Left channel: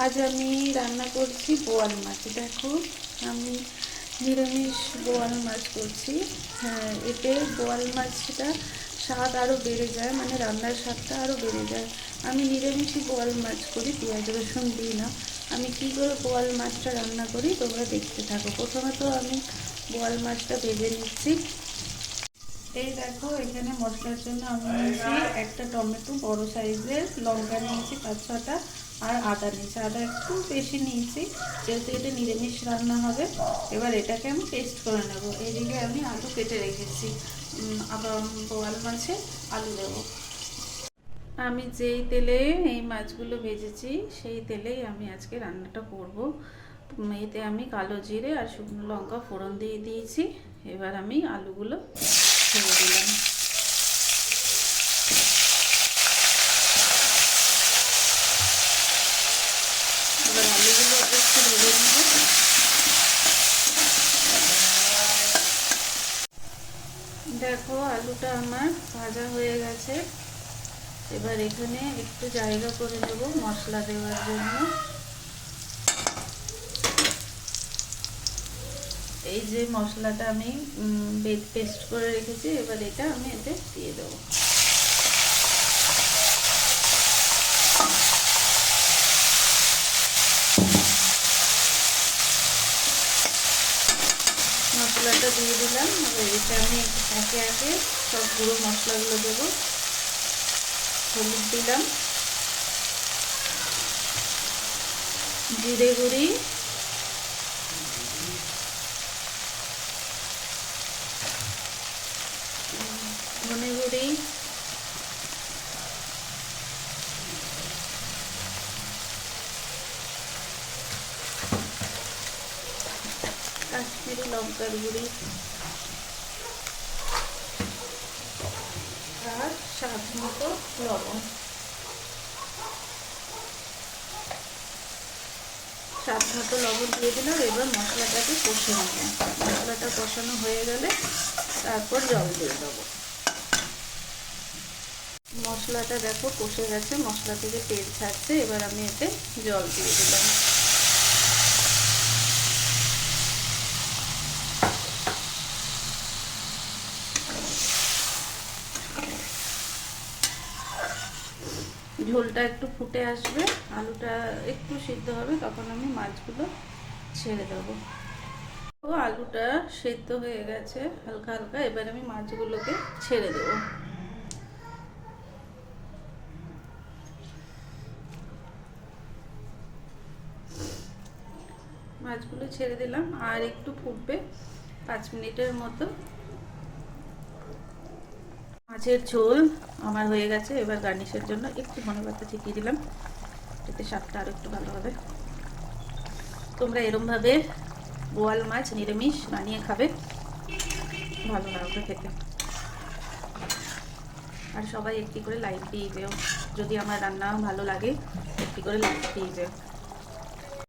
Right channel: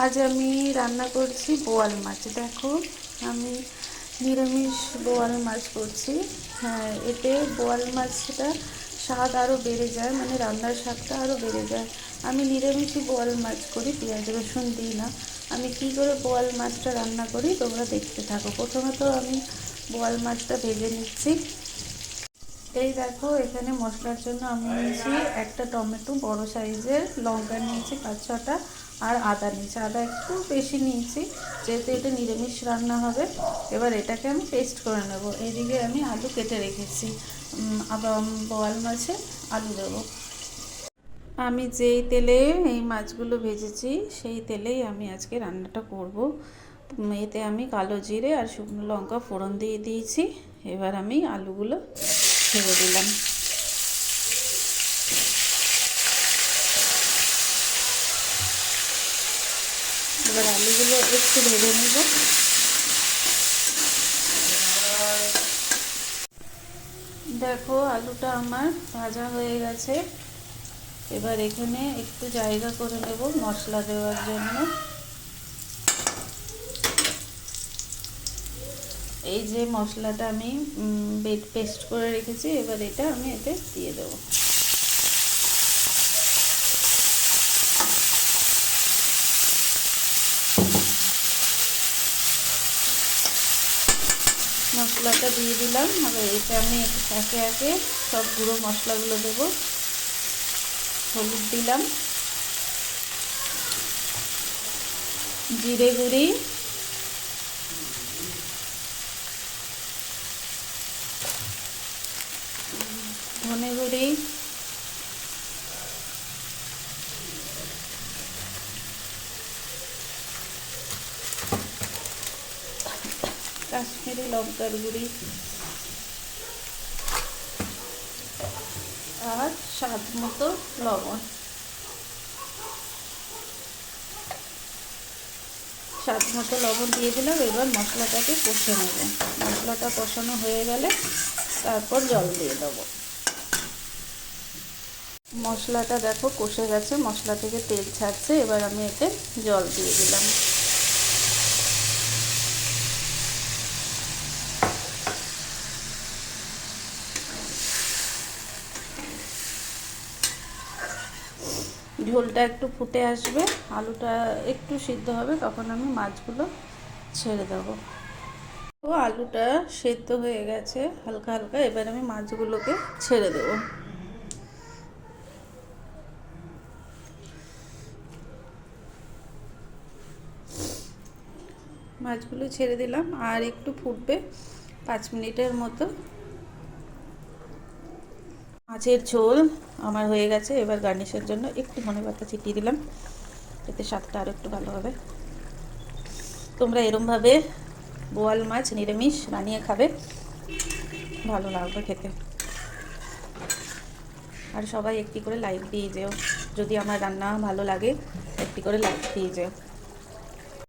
আজ আমি রান্না করছি বোয়াল মাছ। দেখো, আমি নিরামিষ বোয়াল মাছ করছি। হ্যাঁ, এতে বোয়াল মাছটা স্বাদ আরও বেড়ে যায়, মানে রান্নার স্বাদটা আরও বেড়ে যায়। আমি নিরামিষই বোয়াল মাছ করি, পেঁয়াজ রসুন দিই না। আমি কী করে বোয়াল মাছটা রান্না করি তোমরা দেখতে থাকো। প্রথমে তো আমি বোয়াল মাছটা ভেজে নিচ্ছি। এই দেখো, এখানে মশলার জন্য আমি নিয়েছি একটা টমেটো, বড় সাইজের লঙ্কা নিয়েছি 5-6টা, আর আদা নিয়েছি। আদা একটু বেশি নিয়েছি, যেহেতু এটা নিরামিষ রান্না হবে। এবার এটাকে আমি পেস্ট করে নেব। এইদিকে আমি আলু কেটে রেখেছি, আবার বোয়াল মাছে আলু দেবো। আমি যেই তেলে এই মাছগুলো ভেজেছি সেই তেলেই আমি আজকে রান্নাটা করব। এতে আমি কালো জিরে আর শুকনো লঙ্কা ফোড়ন দিয়ে দিয়েছি। এবার আমি আলুগুলো ছেড়ে দিলাম। এবার আলুগুলো একটু ভেজে নেব। দেখো, আলুটা আমার ভাজা হয়ে গেছে। এবার এখানে একটু জায়গা করে নেব মশলা দেওয়ার জন্য। এই যে মশলাটা আমি পেস্ট করে রেখেছি, এবার এটা আমি এতে দিয়ে দেবো। মশলাটা দিয়ে দিলাম। এবার এটা আমি একে একে সব গুঁড়ো মশলাগুলো দেবো। হলুদ দিলাম, জিরে গুঁড়ি, ধনে গুঁড়ি, কাশ্মীরি লঙ্কার গুঁড়ি, আর স্বাদ মতো লবণ। স্বাদ মতো লবণ দিয়ে দিলাম। এবার মশলাটাকে কষে নেব। মশলাটা কষানো হয়ে গেলে তারপর জল দিয়ে দেবো। মশলাটা দেখো কষে গেছে, মশলা থেকে তেল ছাড়ছে। এবার আমি এতে জল দিয়ে দিলাম। ঝোলটা একটু ফুটে আসবে, আলুটা একটু সিদ্ধ হবে, তখন আমি মাছগুলো ছেড়ে দেবো। তো আলুটা সেদ্ধ হয়ে গেছে হালকা হালকা। এবার আমি মাছগুলোকে ছেড়ে দেবো। মাছগুলো ছেড়ে দিলাম, আর একটু ফুটবে 5 মিনিটের মতো। মাছের ঝোল আমার হয়ে গেছে। এবার গার্নিশের জন্য একটু ধনেপাতা ছিটিয়ে দিলাম, এতে স্বাদটা আরও একটু ভালো হবে। তোমরা এরমভাবে বোয়াল মাছ নিরামিষ বানিয়ে খাবে, ভালো লাগবে খেতে। আর সবাই একটি করে লাইক দিয়ে যেও, যদি আমার রান্না ভালো লাগে একটি করে লাইক দিয়ে যেও।